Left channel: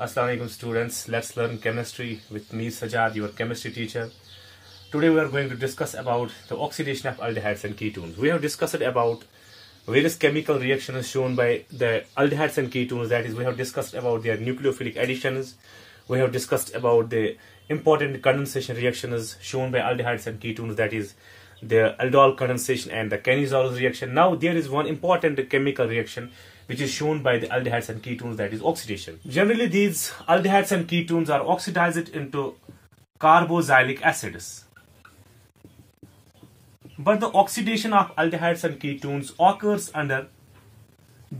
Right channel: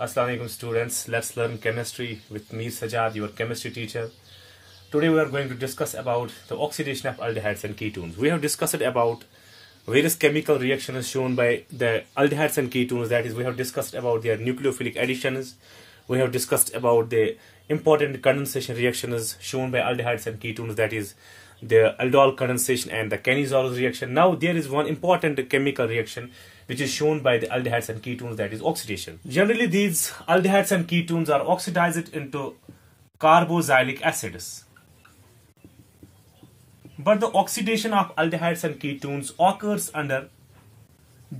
Assalamu alaikum students. Let's learn chemistry with me Sajad, your chemistry teacher. Today we are going to discuss about the oxidation of aldehydes and ketones. We have discussed about various chemical reactions shown by the aldehydes and ketones. That is, we have discussed about their nucleophilic additions. We have discussed about the important condensation reactions shown by aldehydes and ketones. That is, the aldol condensation and the Cannizzaro reaction. Now there is one important chemical reaction which is shown by the aldehydes and ketones, that is oxidation. Generally, these aldehydes and ketones are oxidized into carboxylic acids. But the oxidation of aldehydes and ketones occurs under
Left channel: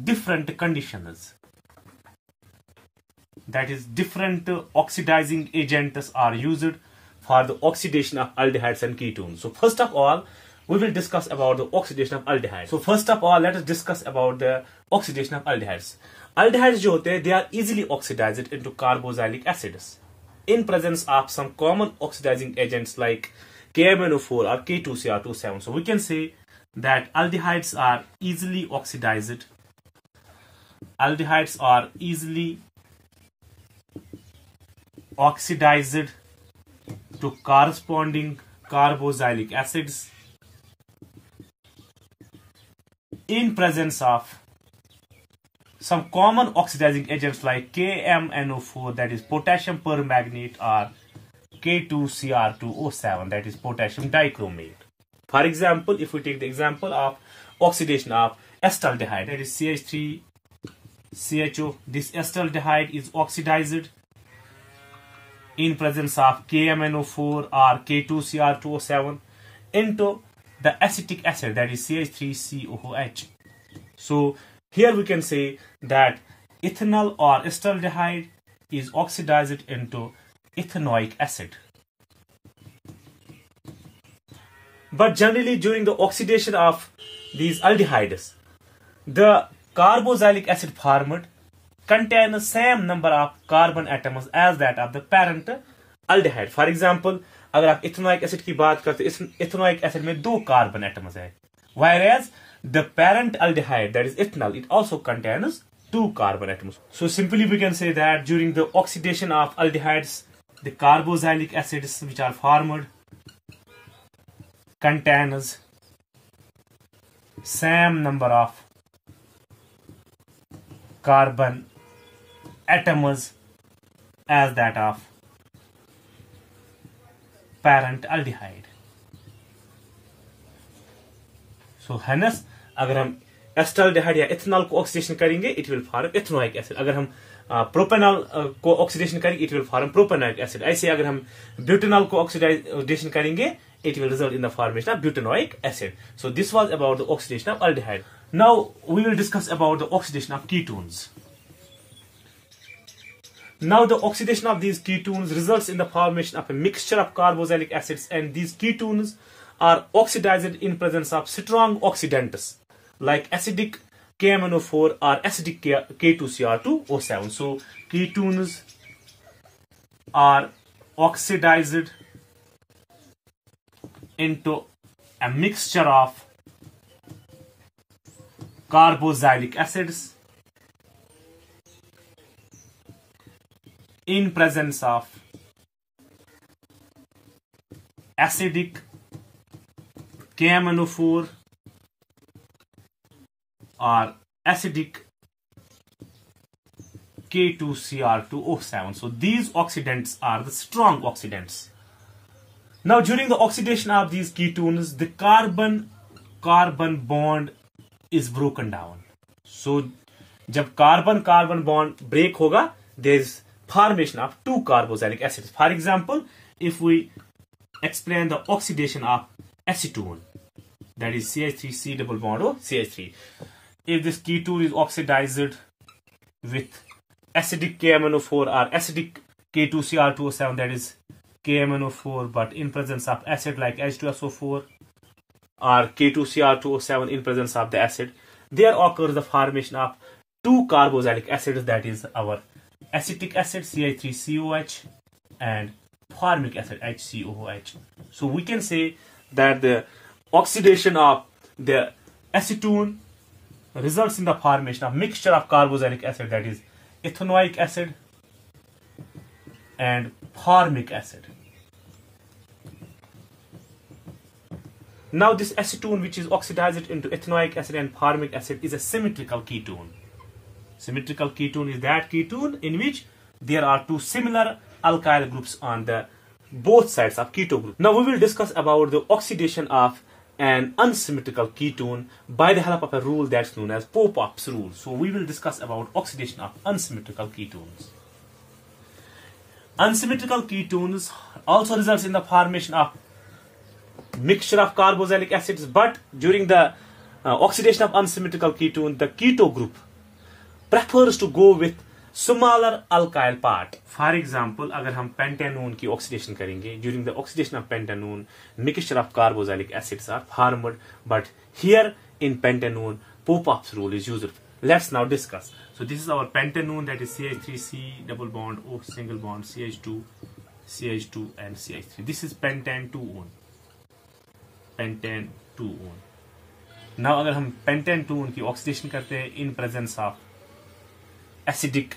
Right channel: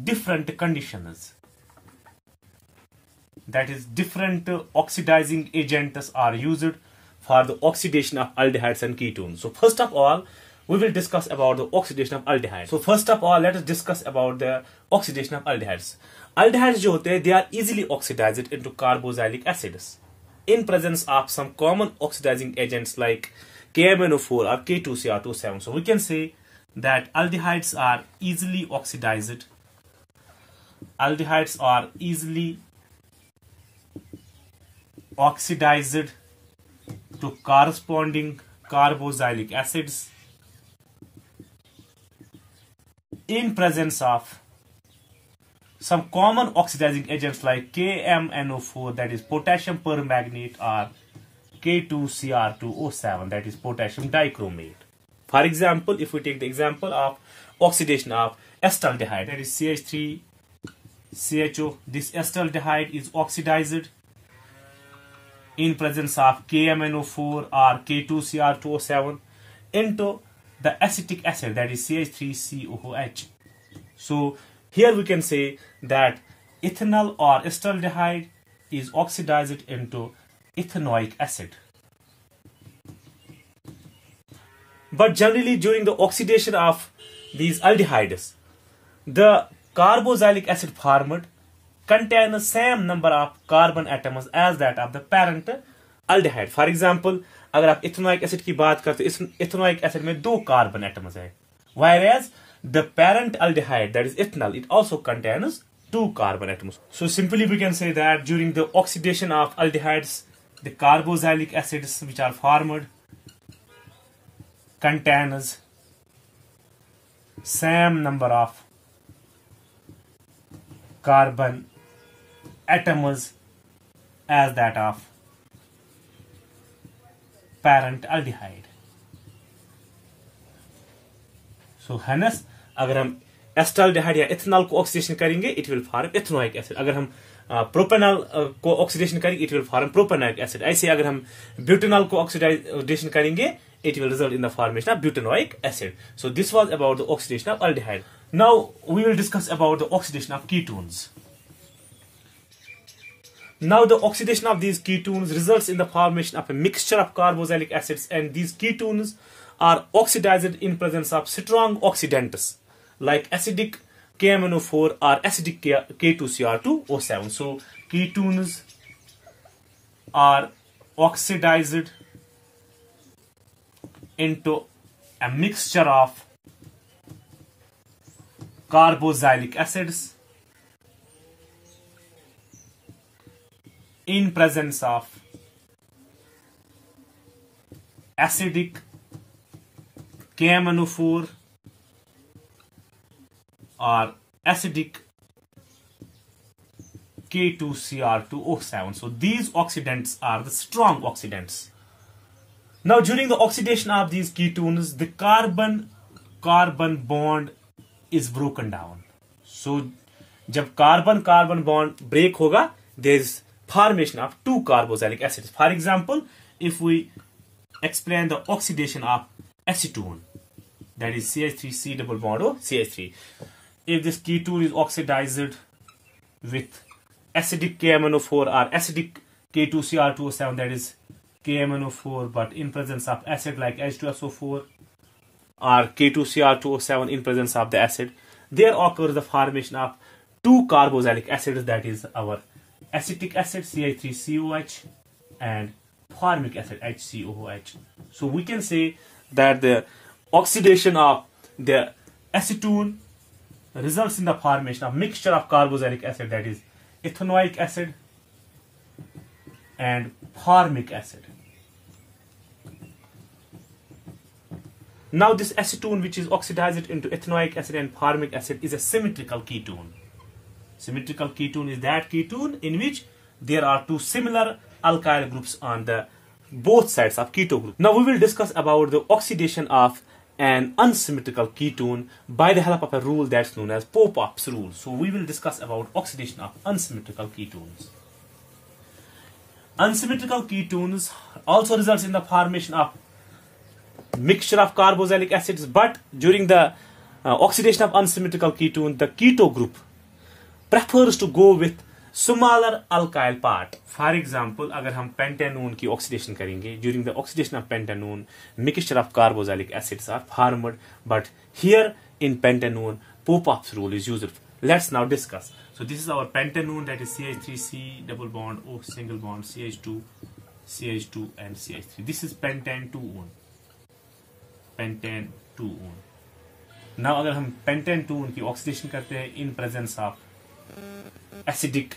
different conditions. That is, different oxidizing agents are used for the oxidation of aldehydes and ketones. So first of all, we will discuss about the oxidation of aldehydes. So first of all, let us discuss about the oxidation of aldehydes. Aldehydes जो होते हैं, they are easily oxidized into carboxylic acids in presence of some common oxidizing agents like KMNO4 or K2CR27. So we can say that aldehydes are easily oxidized. Aldehydes are easily oxidized to corresponding carboxylic acids in presence of some common oxidizing agents like KMNO4, that is potassium permanganate, or K2CR2O7, that is potassium dichromate. For example, if we take the example of oxidation of acetaldehyde, that is CH3CHO, this acetaldehyde is oxidized in presence of KMNO4 or K2CR2O7 into the acetic acid, that is CH3COOH. So here we can say that ethanol or acetaldehyde is oxidized into ethanoic acid. But generally during the oxidation of these aldehydes, the carboxylic acid formed contain the same number of carbon atoms as that of the parent aldehyde. For example, अगर आप ethanoic acid की बात करते हैं, ethanoic acid में 2 carbon atoms है, whereas the parent aldehyde, that is ethanol, it also contains 2 carbon atoms. So simply we can say that during the oxidation of aldehydes, the carboxylic acids which are formed contains same number of carbon atoms as that of parent aldehyde. So hence अगर हम acetaldehyde या ethanol को oxidation करेंगे, it will form ethanoic acid. अगर हम propanol को oxidation करेंगे, it will form propanoic acid. ऐसे अगर हम ब्यूटेनॉल को ऑक्सीडेशन करेंगे, it will result in the formation of butanoic acid. So this was about the oxidation of aldehyde. Now we will discuss about the oxidation of ketones. Now the oxidation of these ketones results in the formation of a mixture of carboxylic acids, and these ketones are oxidized in presence of strong oxidants like acidic KMNO4 or acidic K2CR2O7. So ketones are oxidized into a mixture of carboxylic acids in presence of acidic KMNO4 or acidic K2CR2O7. So these oxidants are the strong oxidants. Now during the oxidation of these ketones, the carbon-carbon bond is broken down. So जब carbon-carbon bond break होगा, there is formation of 2 carboxylic acids. For example, if we explain the oxidation of acetone, that is CH3C double bond O CH3. If this ketone is oxidized with acidic KMNO4 or acidic K2CR2O7, that is KMNO4, but in presence of acid like H2SO4 or K2CR2O7 in presence of the acid, there occurs the formation of 2 carboxylic acids, that is our acetic acid CH3COH and formic acid HCOOH. So we can say that the oxidation of the acetone results in the formation of mixture of carboxylic acid, that is ethanoic acid and formic acid. Now this acetone, which is oxidized into ethanoic acid and formic acid, is a symmetrical ketone. Symmetrical ketone is that ketone in which there are two similar alkyl groups on the both sides of keto group. Now we will discuss about the oxidation of an unsymmetrical ketone by the help of a rule that's known as Popoff's rule. So we will discuss about oxidation of unsymmetrical ketones. Unsymmetrical ketones also results in the formation of mixture of carboxylic acids, but during the oxidation of unsymmetrical ketone, the keto group prefers to go with smaller alkyl part. For example, अगर हम pentanone की oxidation करेंगे, during the oxidation of pentanone, mixture of carboxylic acids are formed, but here in pentanone, Popoff's rule is used. Let's now discuss. So this is our pentanone, that is CH3C double bond O single bond CH2, CH2 and CH3. This is pentan-2-one. Pentan-2-one. Now अगर हम pentan-2-one की oxidation करते हैं in presence of acidic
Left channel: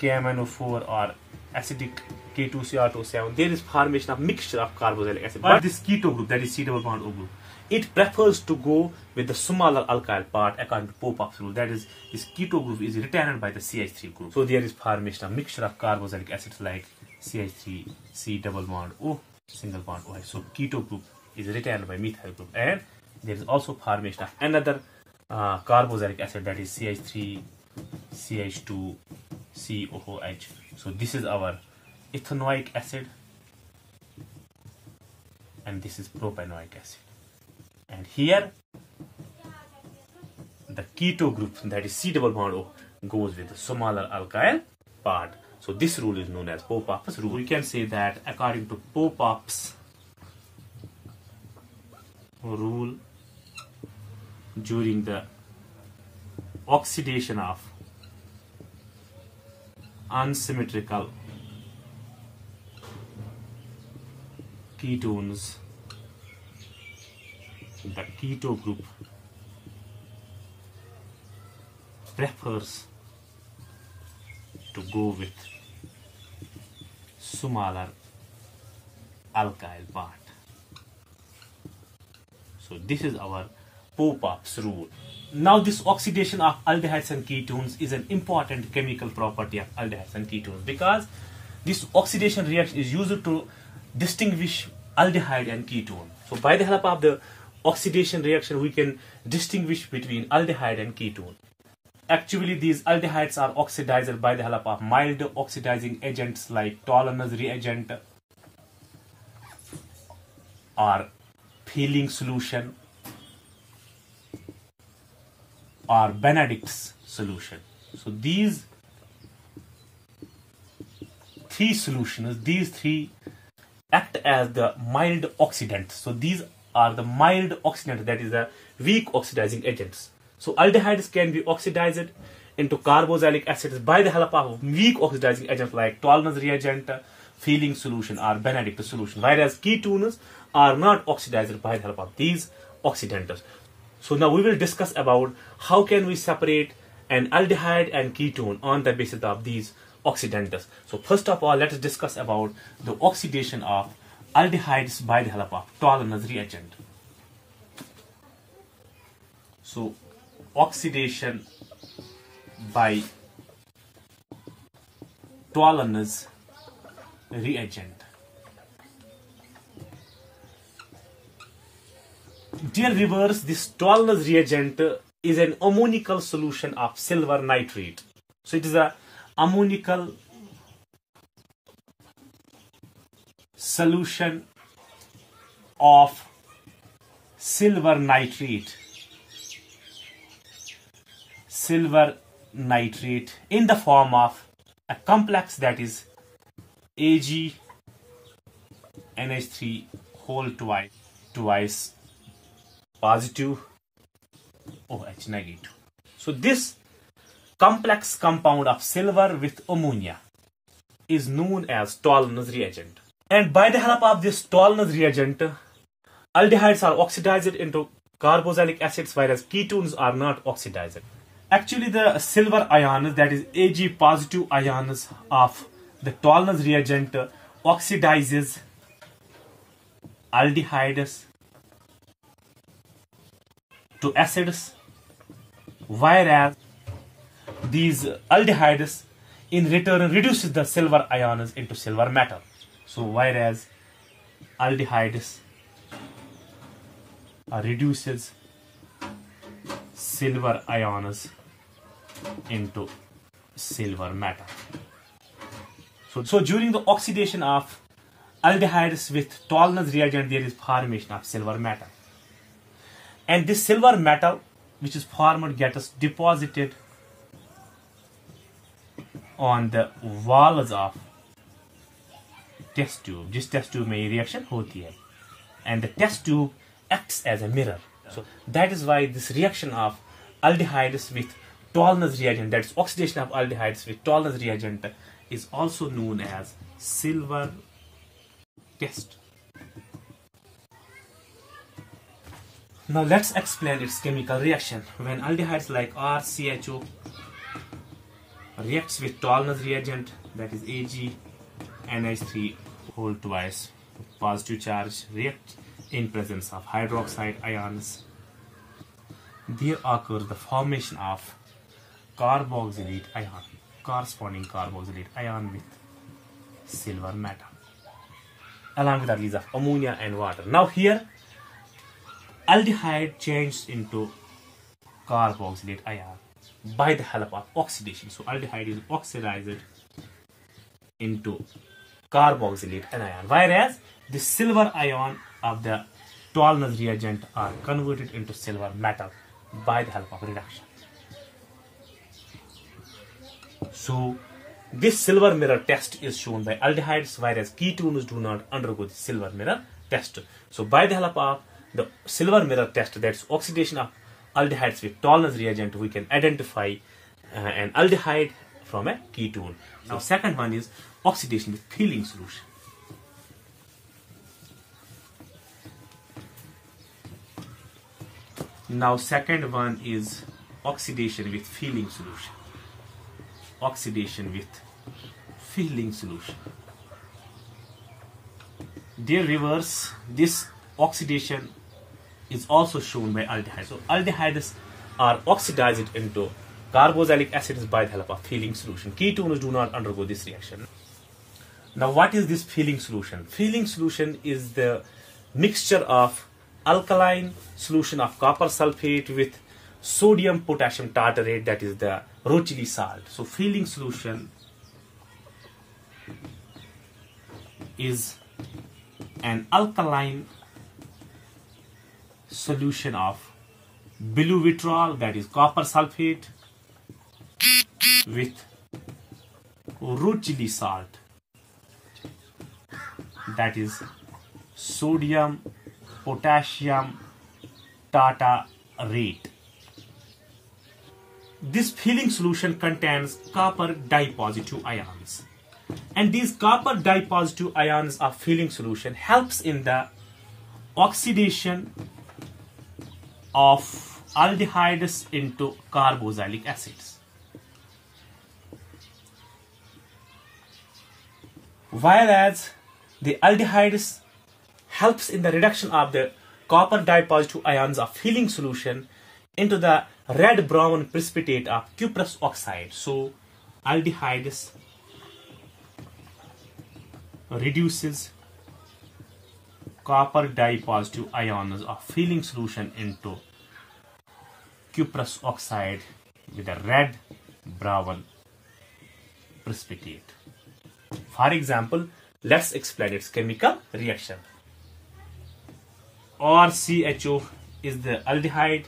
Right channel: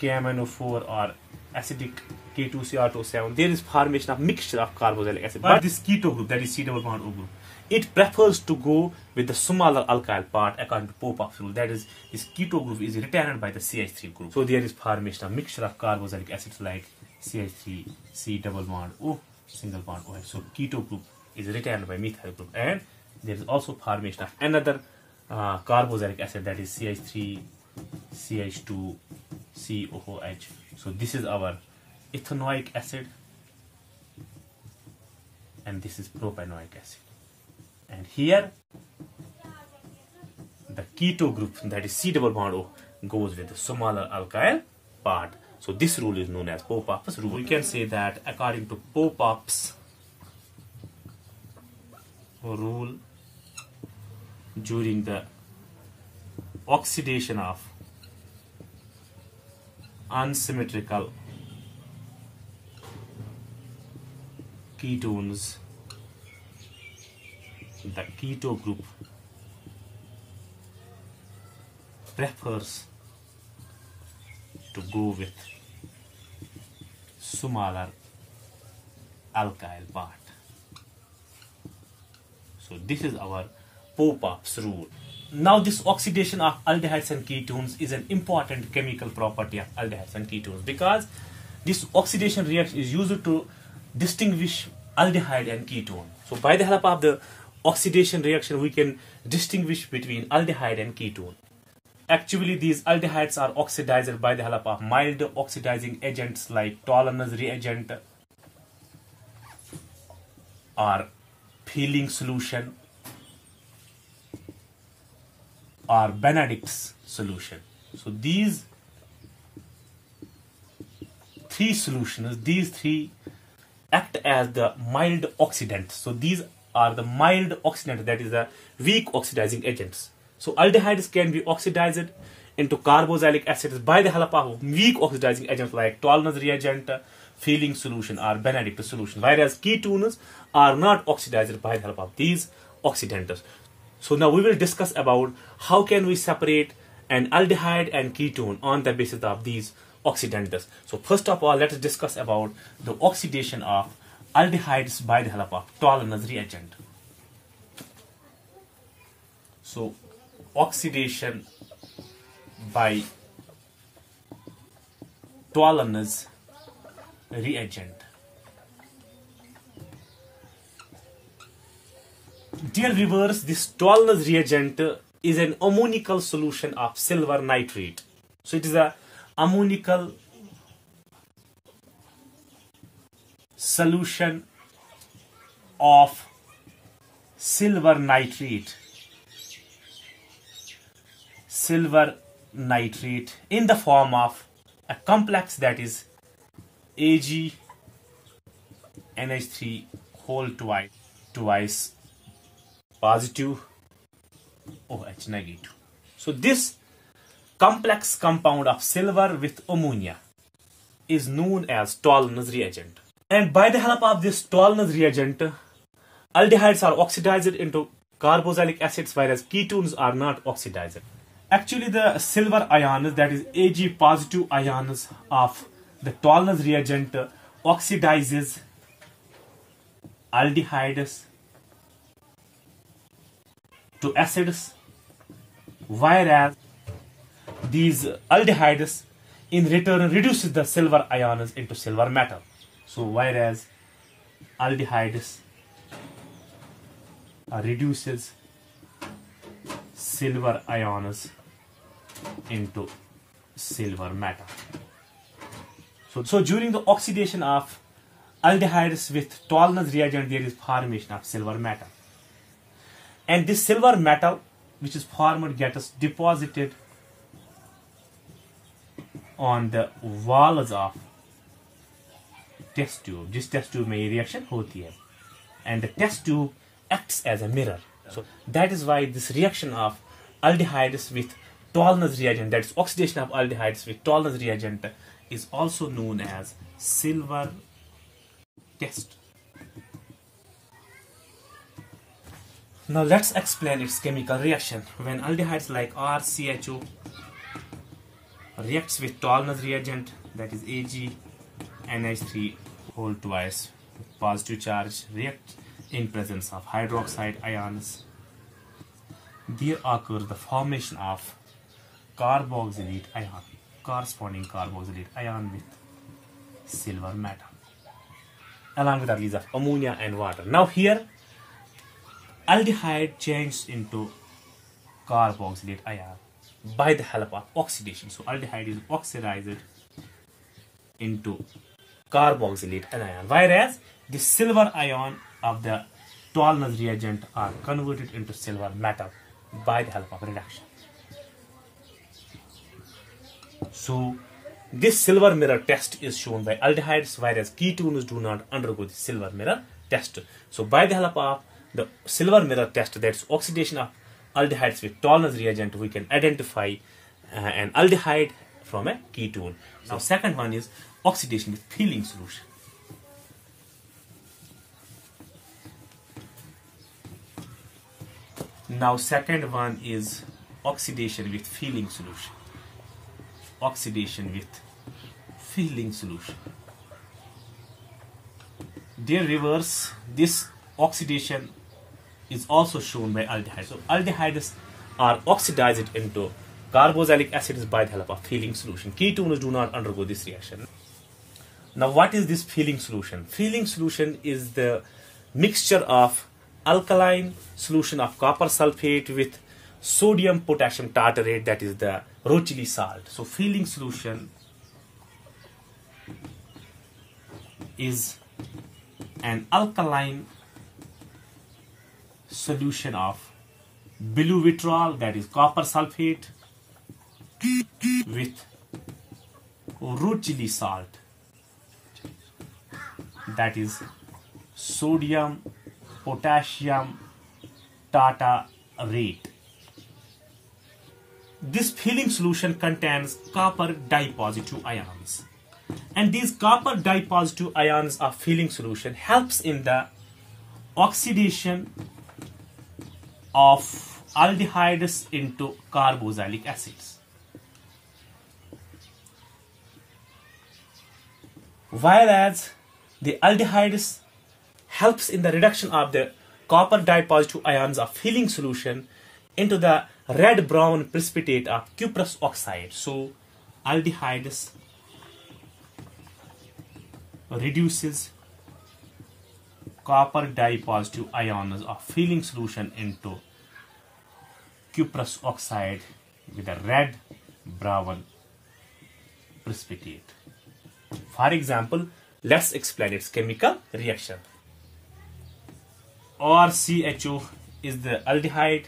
KMnO4 or acidic K2Cr2O7, there is formation of mixture of carboxylic acid. But this keto group, that is C double bond O group, it prefers to go with the smaller alkyl part according to Popoff's rule. That is, this keto group is retained by the CH3 group. So there is formation of mixture of carboxylic acids like CH3, C double bond O, single bond OH. So keto group is retained by methyl group, and there is also formation of another carboxylic acid, that is CH3, CH2, COOH. So this is our ethanoic acid, and this is propanoic acid. And here the keto group, that is C double bond O, goes with the smaller alkyl part. So this rule is known as Popoff's rule. We can say that according to Popoff's rule, during the oxidation of unsymmetrical ketones, the keto group prefers to go with smaller alkyl part. So this is our Popoff's rule. Now this oxidation of aldehydes and ketones is an important chemical property of aldehydes and ketones, because this oxidation reaction is used to distinguish aldehyde and ketone. So by the help of the oxidation reaction, we can distinguish between aldehyde and ketone. Actually, these aldehydes are oxidized by the help of mild oxidizing agents like Toller's reagent or Feeling solution or Benedict's solution. So these three solutions, these three act as the mild oxidants. So these are the mild oxidants, that is the weak oxidizing agents. So aldehydes can be oxidized into carboxylic acids by the help of weak oxidizing agents like Toller's reagent, Feeling solution or Benedict's solution, whereas ketones are not oxidized by the help of these oxidants. So now we will discuss about how can we separate an aldehyde and ketone on the basis of these oxidants. So first of all, let us discuss about the oxidation of aldehydes by the help of Toller's reagent. So oxidation by Toller's reagent. Dear viewers, this Toller's reagent is an ammoniacal solution of silver nitrate. So it is a ammoniacal solution of silver nitrate. Silver nitrate in the form of a complex, that is AgNH3 whole twice positive OH negative. So this complex compound of silver with ammonia is known as Toller's reagent. And by the help of this Toller's reagent, aldehydes are oxidized into carboxylic acids, whereas ketones are not oxidized. Actually, the silver ions, that is Ag positive ions of the Tolnes reagent, oxidizes aldehydes to acids, whereas these aldehydes in return reduces the silver ions into silver metal. So whereas aldehydes reduces silver ions into silver metal. So during the oxidation of aldehydes with Tolnes reagent, there is formation of silver metal. And this silver metal which is formed gets deposited on the walls of test tube. जिस test tube में ये reaction होती है, and the test tube acts as a mirror. So that is why this reaction of aldehydes with Tolnes reagent, that is oxidation of aldehydes with Tolnes reagent, is also known as silver test. Now let's explain its chemical reaction. When aldehydes like RCHO reacts with Tolnes reagent, that is AgNH3 whole twice with positive charge, react in presence of hydroxide ions, there occurs the formation of carboxylate ion, corresponding carboxylate ion with silver metal, along with the release of ammonia and water. Now here aldehyde changes into carboxylate ion by the help of oxidation. So aldehyde is oxidized into carboxylate anion, whereas the silver ion of the Tolnes reagent are converted into silver metal by the help of reduction. So this silver mirror test is shown by aldehydes, whereas ketones do not undergo the silver mirror test. So by the help of the silver mirror test, that's oxidation of aldehydes with Tolnes reagent, we can identify an aldehyde from a ketone. Now second one is oxidation with Feeling solution. Now second one is oxidation with Feeling solution. Oxidation with Feeling solution. Their reverse, this oxidation is also shown by aldehydes. So aldehydes are oxidized into carboxylic acids by the help of Feeling solution. Ketones do not undergo this reaction. Now what is this Feeling solution? Feeling solution is the mixture of alkaline solution of copper sulfate with sodium potassium tartarate, that is the Rochley salt. So Feeling solution is an alkaline solution of biluvitrol, that is copper sulfate, with Rochley salt, that is sodium potassium tartarate. This Feeling solution contains copper dipositive ions, and these copper dipositive ions of Feeling solution helps in the oxidation of aldehydes into carboxylic acids, whereas the aldehydes helps in the reduction of the copper dipositive ions of Feeling solution into the red-brown precipitate of cuprous oxide. So aldehydes reduces copper dipositive ions of Feeling solution into cuprous oxide with a red-brown precipitate. For example, let's explain its chemical reaction. RCHO is the aldehyde.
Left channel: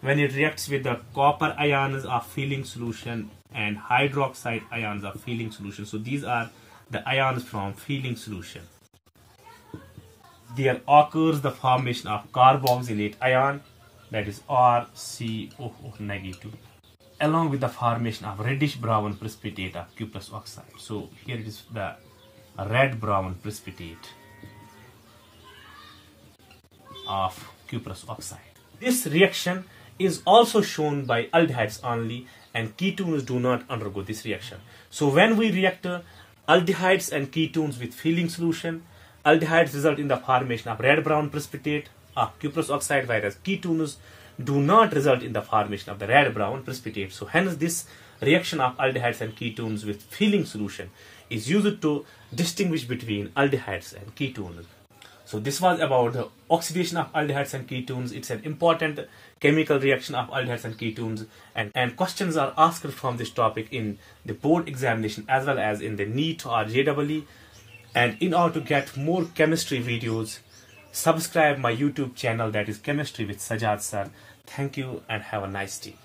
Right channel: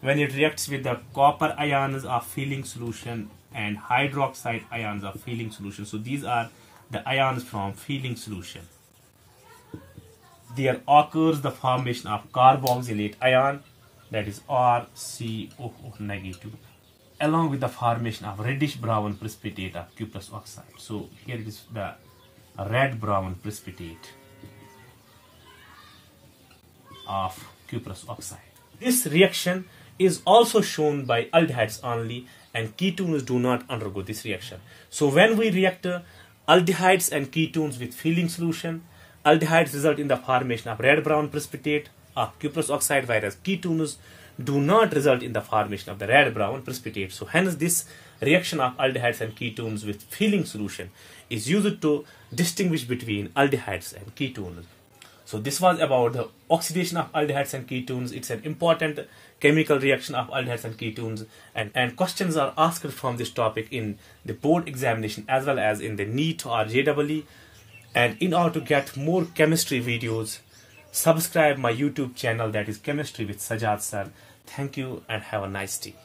When it reacts with the copper ions of Feeling solution and hydroxide ions of Feeling solution, so these are the ions from Feeling solution, there occurs the formation of carboxylate ion, that is RCOO negative, along with the formation of reddish brown precipitate of cuprous oxide. So here it is the red brown precipitate of cuprous oxide. This reaction is also shown by aldehydes only, and ketones do not undergo this reaction. So when we react aldehydes and ketones with filling solution, aldehydes result in the formation of red-brown precipitate of cuprous oxide, whereas ketones do not result in the formation of the red-brown precipitate. So hence this reaction of aldehydes and ketones with filling solution is used to distinguish between aldehydes and ketones. So this was about the oxidation of aldehydes and ketones. It's an important chemical reaction of aldehydes and ketones, and questions are asked from this topic in the board examination as well as in the NEET or JEE. And in order to get more chemistry videos, subscribe my YouTube channel, that is Chemistry with Sajad Sir. Thank you and have a nice day.